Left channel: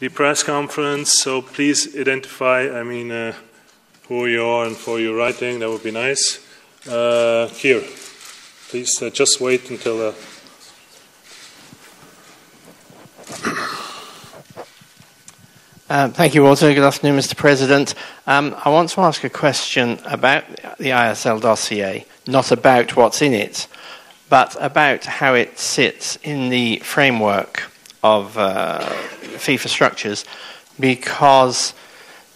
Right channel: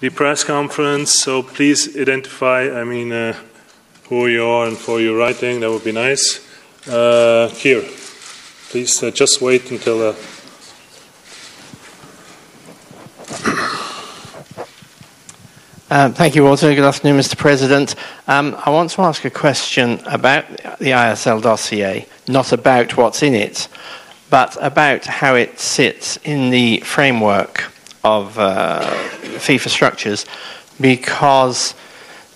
the press conference, so please identify, who you are and for your writing. That would be nice. Here, please just wait until... Thank you, Walter. Good afternoon, Mr. President. I want to ask a question about the ISL dossier, not about what's in it, but about how it sits in the framework of FIFA structures, because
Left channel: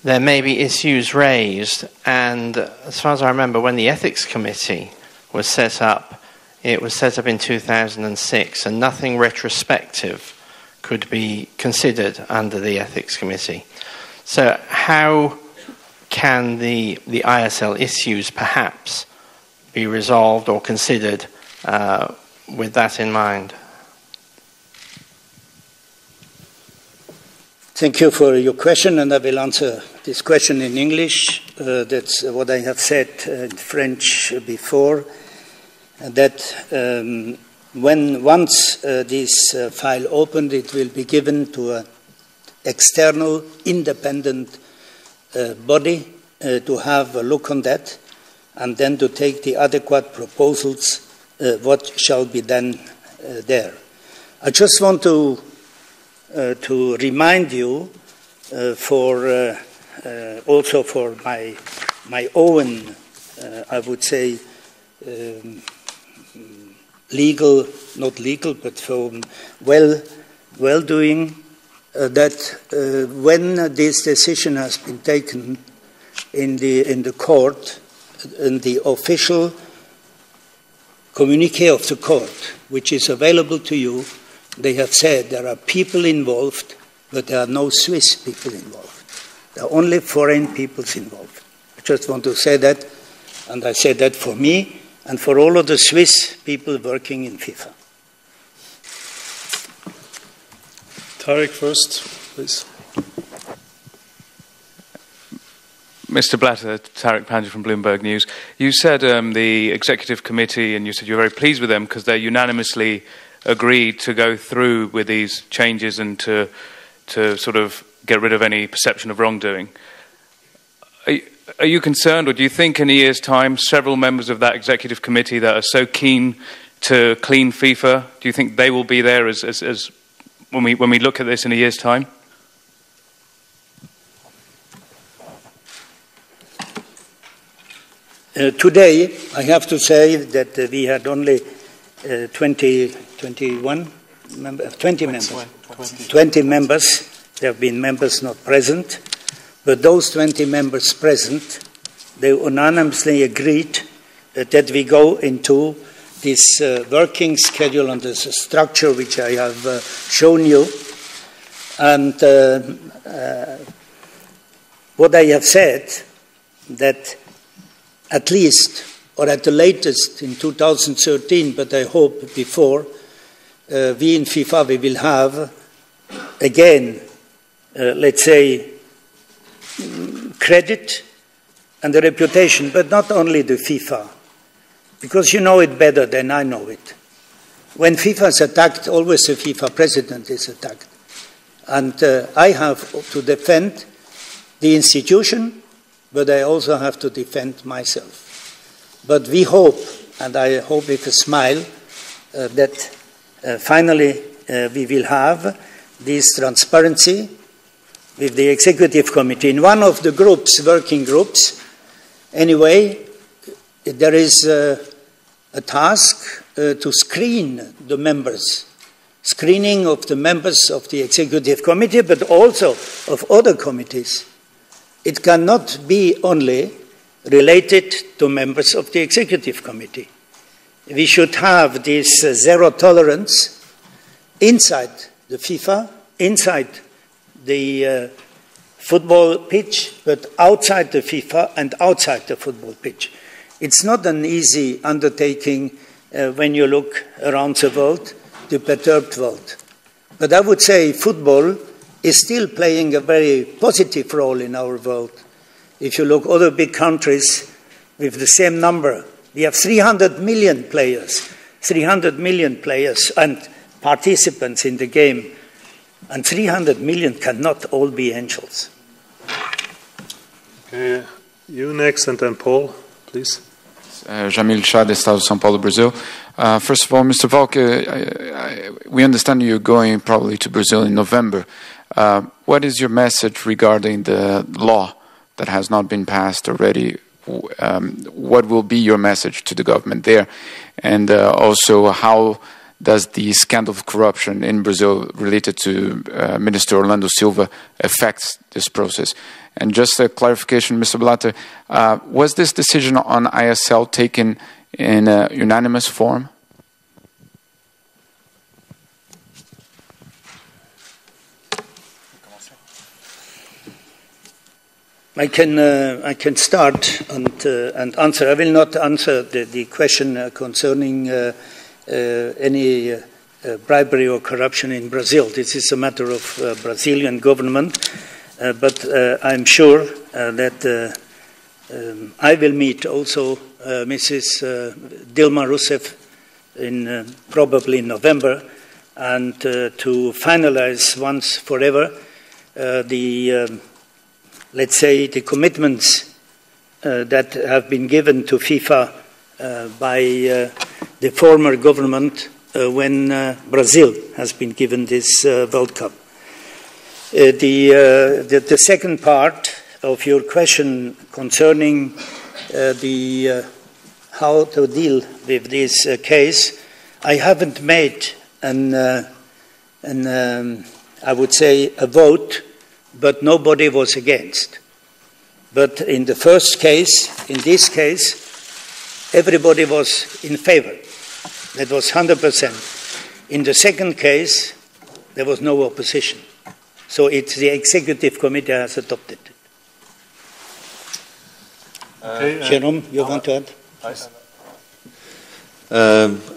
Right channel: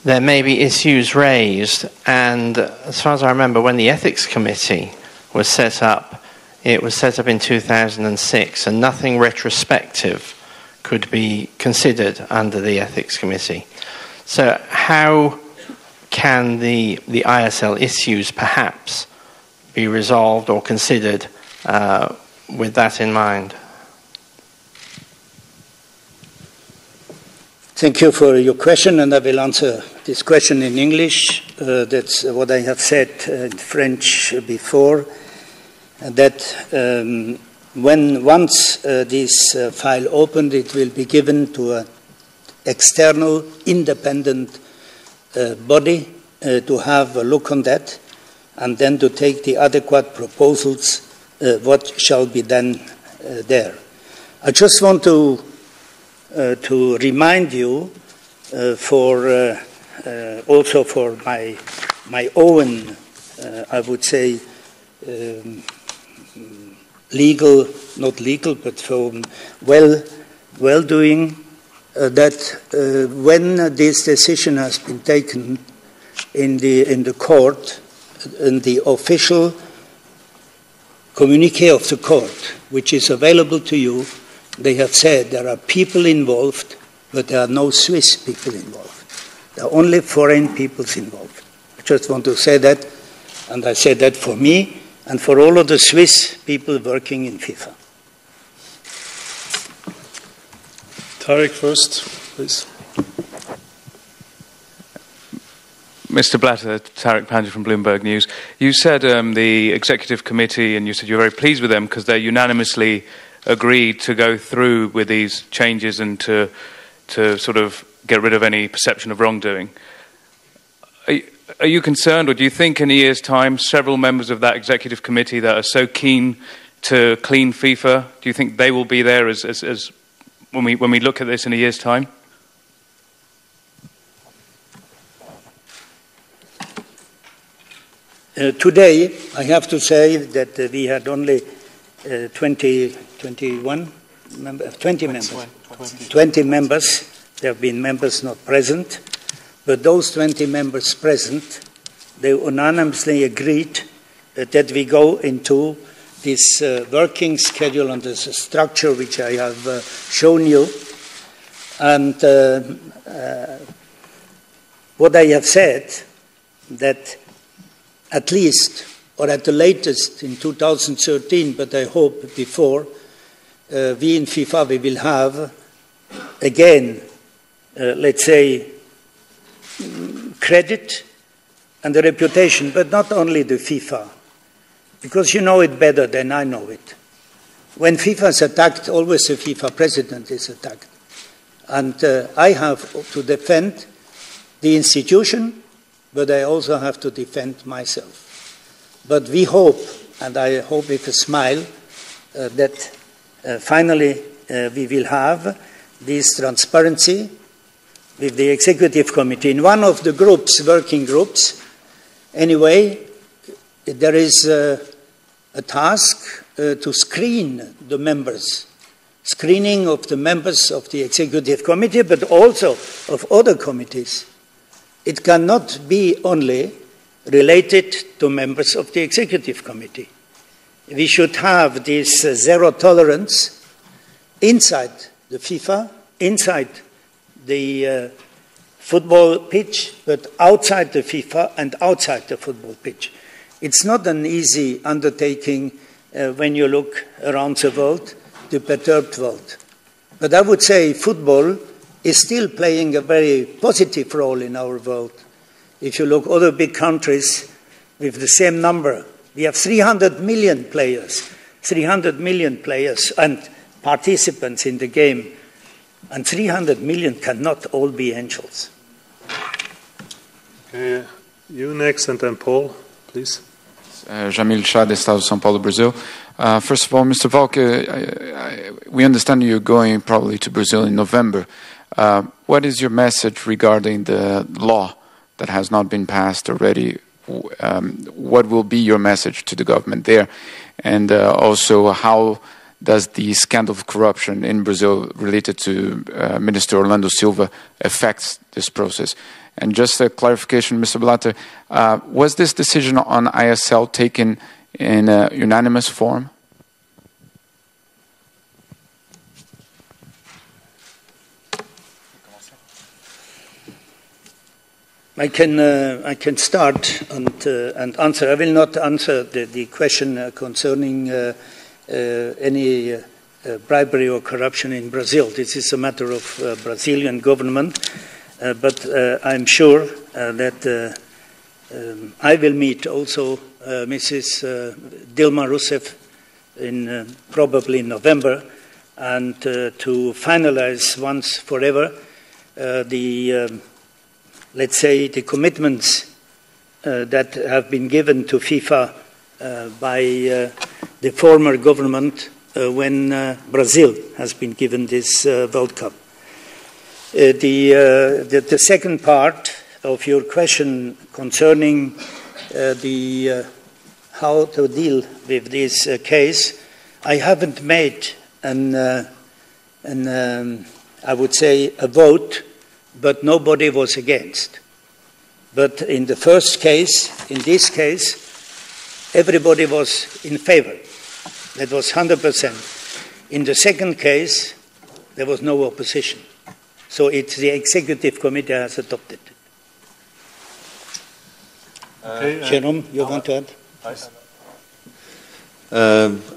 there may be issues raised, and as far as I remember, when the Ethics Committee was set up, it was set up in 2006, and nothing retrospective could be considered under the Ethics Committee. So how can the ISL issues perhaps be resolved or considered with that in mind? Thank you for your question, and I will answer this question in English. That's what I have said in French before, that once this file opened, it will be given to an external, independent body to have a look on that, and then to take the adequate proposals, what shall be done there. I just want to remind you, also for my own, I would say, legal, not legal, but for well-doing, that when this decision has been taken in the court, in the official communique of the court, which is available to you, they have said there are people involved, but there are no Swiss people involved. There are only foreign peoples involved. I just want to say that, and I say that for me, and for all of the Swiss people working in FIFA. Tarek first, please. Mr. Blatter, Tarek Pandya from Bloomberg News. You said the executive committee, and you said you're very pleased with them because they unanimously agreed to go through with these changes and to sort of get rid of any perception of wrongdoing. Are you concerned, or do you think in a year's time several members of that executive committee that are so keen to clean FIFA, do you think they will be there as when we look at this in a year's time? Today, I have to say that we had only 20 members. There have been members not present. But those 20 members present, they unanimously agreed that we go into this working schedule under the structure which I have shown you. And what I have said, that at least, or at the latest in 2013, but I hope before, we in FIFA, we will have, again, let's say, credit and the reputation, but not only the FIFA, because you know it better than I know it. When FIFA is attacked, always the FIFA president is attacked. And I have to defend the institution, but I also have to defend myself. But we hope, and I hope with a smile, that finally we will have this transparency with the executive committee. In one of the groups, working groups, anyway, there is a task to screen the members, screening of the members of the executive committee, but also of other committees. It cannot be only related to members of the executive committee. We should have this zero tolerance inside the FIFA, inside the football pitch, but outside the FIFA and outside the football pitch. It's not an easy undertaking when you look around the world, the perturbed world. But I would say football is still playing a very positive role in our world. If you look at other big countries with the same number, we have 300 million players and participants in the game. And 300 million cannot all be angels. Okay, you next, and then Paul, please. Jamil Shah, Estado de São Paulo, Brazil. First of all, Mr. Volk, we understand you're going probably to Brazil in November. What is your message regarding the law that has not been passed already? What will be your message to the government there? And also, how does the scandal of corruption in Brazil related to Minister Orlando Silva affect this process? And just a clarification, Mr. Blatter, was this decision on ISL taken in a unanimous form? I can start and answer. I will not answer the question concerning any bribery or corruption in Brazil. This is a matter of Brazilian government. But I'm sure that I will meet also Mrs. Dilma Rousseff in probably November, and to finalize once forever let's say, the commitments that have been given to FIFA by the former government when Brazil has been given this World Cup. The second part of your question concerning how to deal with this case, I haven't made I would say, a vote, but nobody was against. But in the first case, in this case, everybody was in favor. That was 100%. In the second case, there was no opposition. So it's the executive committee has adopted. Jérôme, you want to add?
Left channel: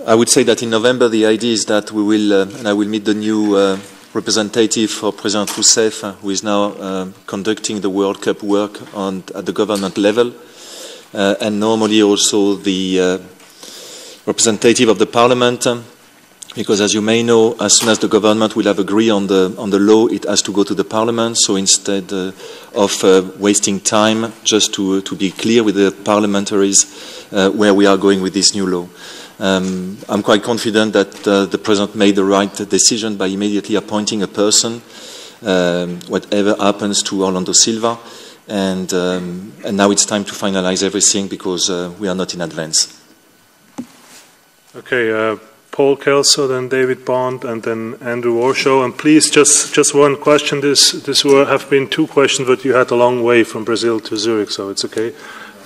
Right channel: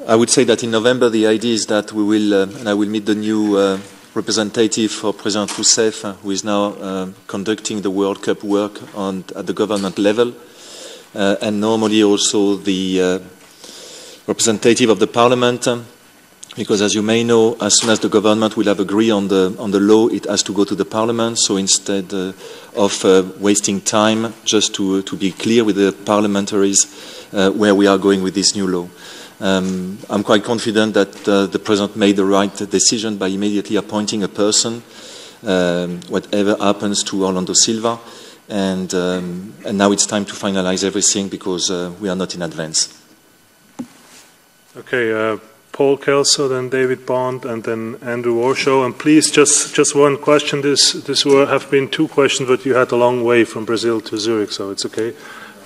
I would say that in November the idea is that we will, I will meet the new representative for President Rousseff, who is now conducting the World Cup work at the government level, and normally also the representative of the Parliament. Because, as you may know, as soon as the government will have agreed on the law, it has to go to the Parliament. So instead of wasting time, just to be clear with the parliamentaries where we are going with this new law. I'm quite confident that the President made the right decision by immediately appointing a person, whatever happens to Orlando Silva. And now it's time to finalize everything because we are not in advance. Okay. Paul Kelso, then David Bond, and then Andrew Warshaw. And please, just one question. This have been two questions, but you had a long way from Brazil to Zurich, so it's okay.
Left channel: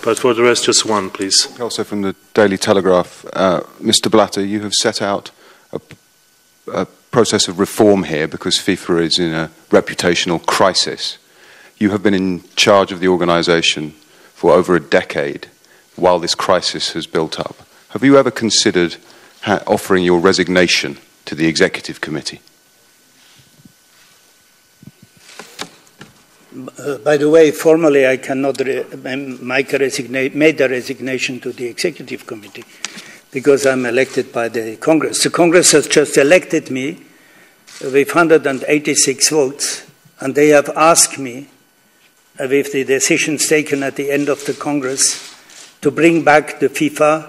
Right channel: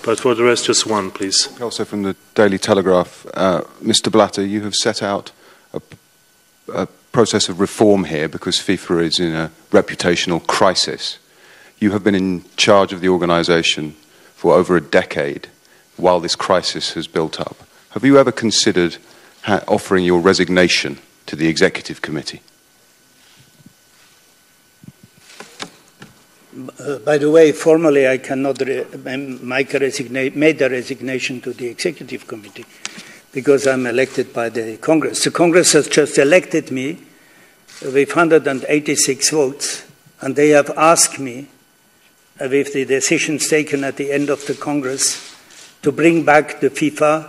But for the rest, just one, please. Also from the Daily Telegraph, Mr. Blatter, you have set out a process of reform here because FIFA is in a reputational crisis. You have been in charge of the organisation for over a decade while this crisis has built up. Have you ever considered offering your resignation to the executive committee? By the way, formally I cannot make a resignation to the executive committee because I'm elected by the Congress. The Congress has just elected me with 186 votes, and they have asked me, with the decisions taken at the end of the Congress, to bring back the FIFA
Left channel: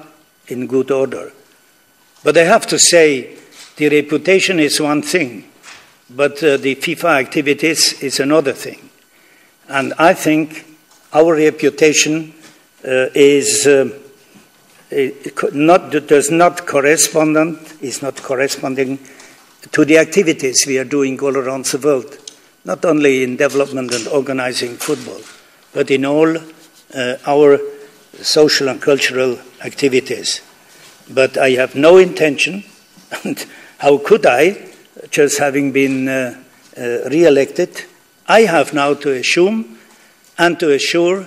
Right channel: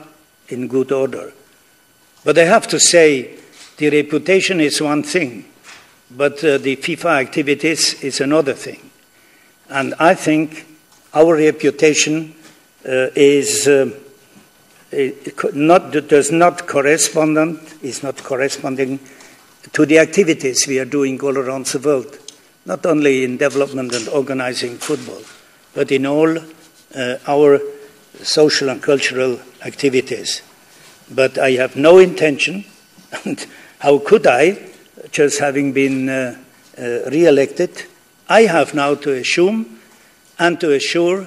in good order. But I have to say, the reputation is one thing, but the FIFA activities is another thing. And I think our reputation is not corresponding to the activities we are doing all around the world, not only in development and organizing football, but in all our social and cultural activities. But I have no intention, and how could I, just having been re-elected, I have now to assume and to assure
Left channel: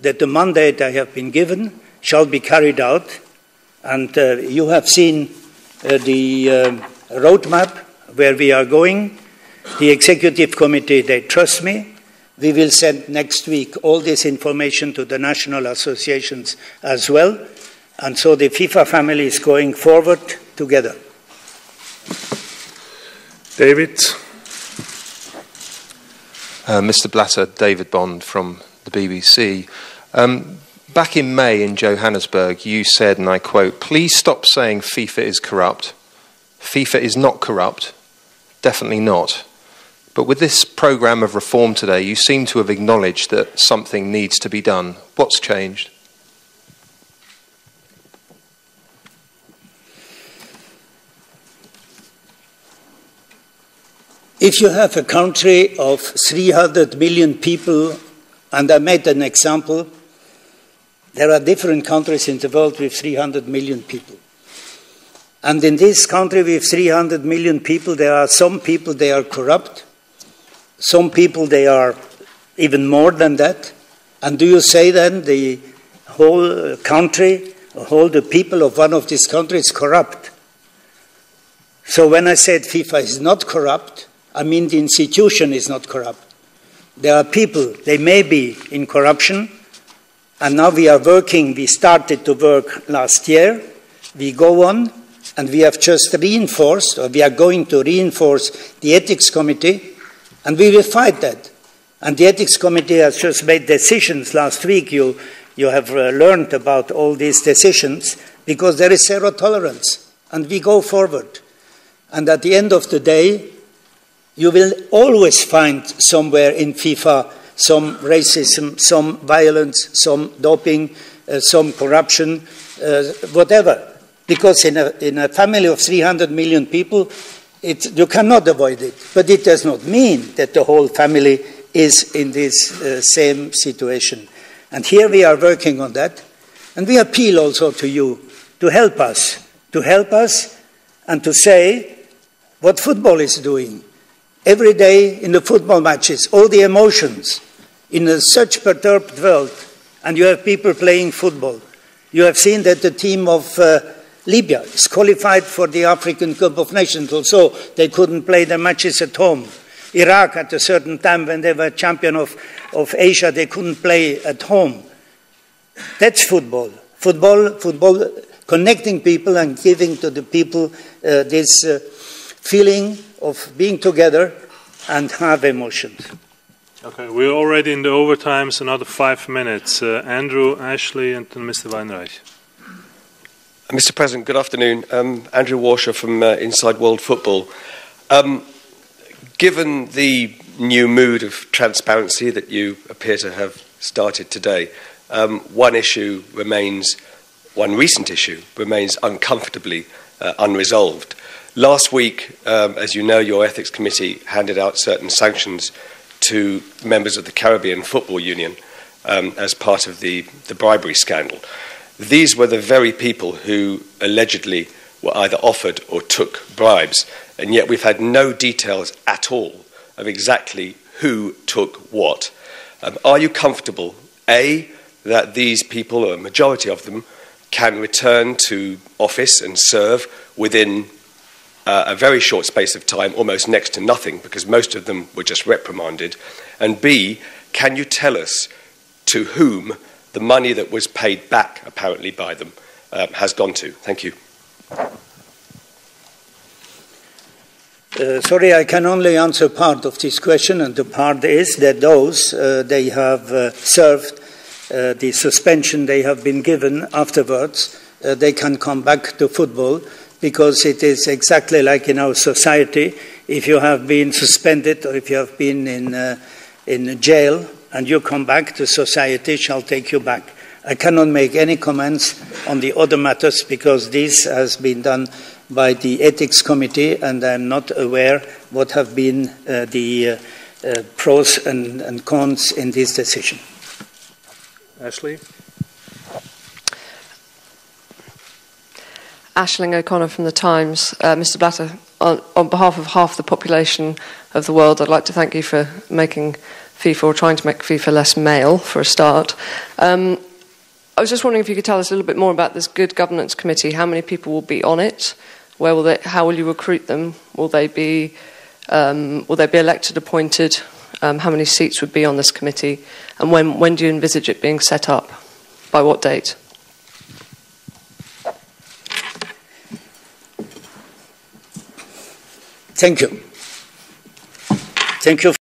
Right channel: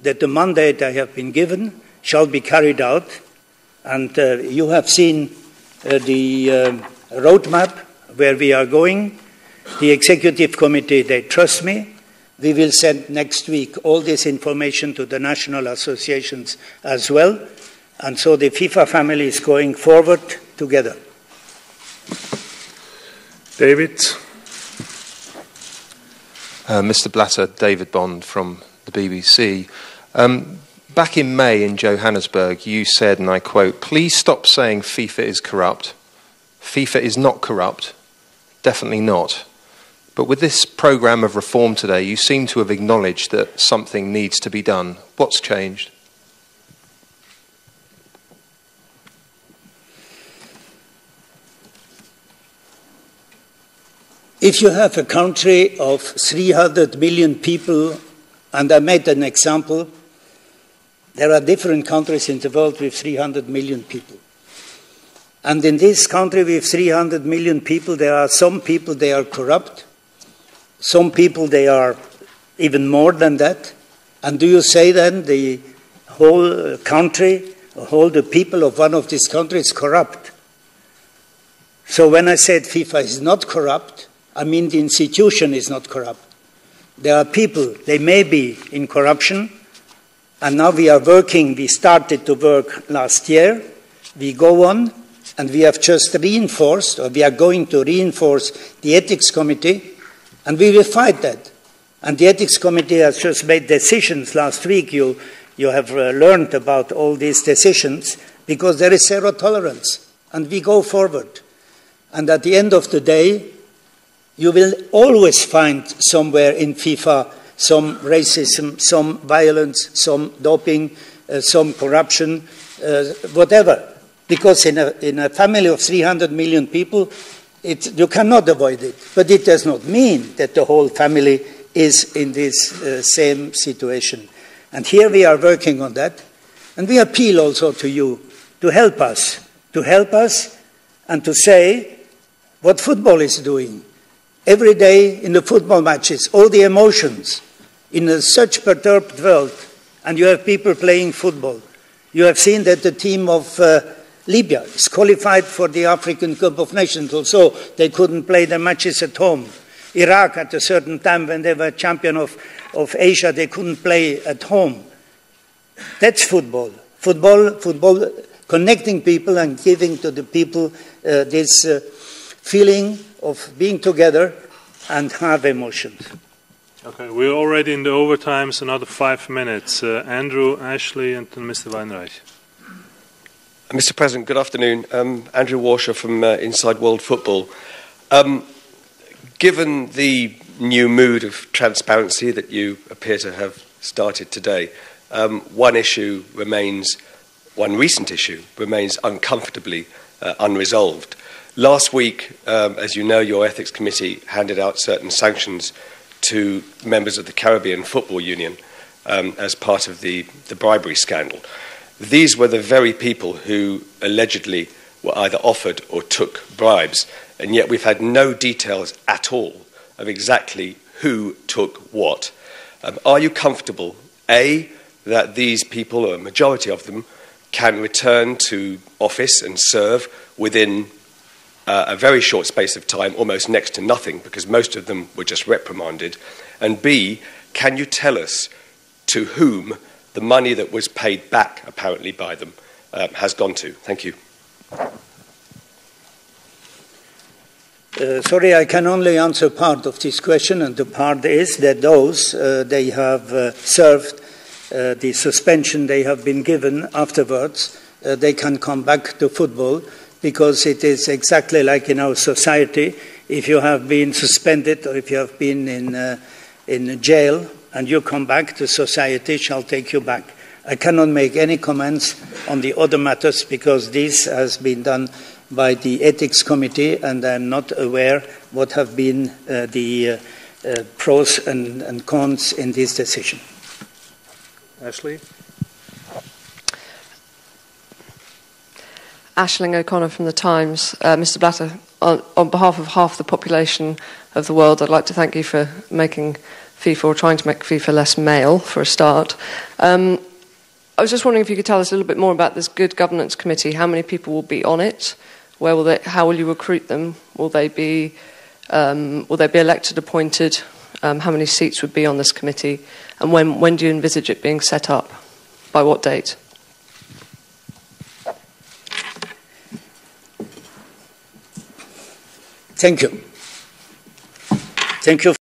that the mandate I have been given shall be carried out. And you have seen the roadmap where we are going. The executive committee, they trust me. We will send next week all this information to the national associations as well. And so the FIFA family is going forward together. David? Mr. Blatter, David Bond from the BBC. Back in May in Johannesburg, you said, and I quote, "Please stop saying FIFA is corrupt. FIFA is not corrupt. Definitely not. But with this programme of reform today, you seem to have acknowledged that something needs to be done. What's changed?" If you have a country of 300 million people, and I made an example, there are different countries in the world with 300 million people. And in this country with 300 million people, there are some people, they are corrupt. Some people, they are even more than that. And do you say then the whole country, the people of one of these countries is corrupt? So when I said FIFA is not corrupt, I mean the institution is not corrupt. There are people, they may be in corruption, and now we are working, we started to work last year, we go on, and we have just reinforced, or we are going to reinforce the ethics committee, and we will fight that. And the ethics committee has just made decisions last week. You have learned about all these decisions, because there is zero tolerance, and we go forward. And at the end of the day, you will always find somewhere in FIFA some racism, some violence, some doping, some corruption, whatever. Because in a family of 300 million people, you cannot avoid it. But it does not mean that the whole family is in this same situation. And here we are working on that. And we appeal also to you to help us and to say what football is doing. Every day in the football matches, all the emotions in such perturbed world, and you have people playing football. You have seen that the team of Libya is qualified for the African Cup of Nations, although they couldn't play their matches at home. Iraq, at a certain time when they were champion of Asia, they couldn't play at home. That's football. Football connecting people and giving to the people this feeling of being together and have emotions. Okay, we're already in the overtime, so another 5 minutes. Andrew, Ashley, and then Mr. Weinreich. Mr. President, good afternoon. Andrew Warshaw from Inside World Football. Given the new mood of transparency that you appear to have started today, one recent issue remains uncomfortably unresolved. Last week, as you know, your Ethics Committee handed out certain sanctions to members of the Caribbean Football Union as part of the bribery scandal. These were the very people who allegedly were either offered or took bribes, and yet we've had no details at all of exactly who took what. Are you comfortable, A, that these people, or a majority of them, can return to office and serve within a very short space of time, almost next to nothing, because most of them were just reprimanded? And B, can you tell us to whom the money that was paid back, apparently, by them has gone to? Thank you. Sorry, I can only answer part of this question, and the part is that those, they have served the suspension they have been given afterwards, they can come back to football, because it is exactly like in our society. If you have been suspended or if you have been in jail and you come back, the society shall take you back. I cannot make any comments on the other matters because this has been done by the Ethics Committee, and I'm not aware what have been the pros and cons in this decision. Ashley? Aisling O'Connor from The Times. Mr. Blatter, on behalf of half the population of the world, I'd like to thank you for making FIFA, or trying to make FIFA less male, for a start. I was just wondering if you could tell us a little bit more about this Good Governance Committee. How many people will be on it? How will you recruit them? Will they be elected, appointed? How many seats would be on this committee? And when do you envisage it being set up? By what date? Thank you. Thank you.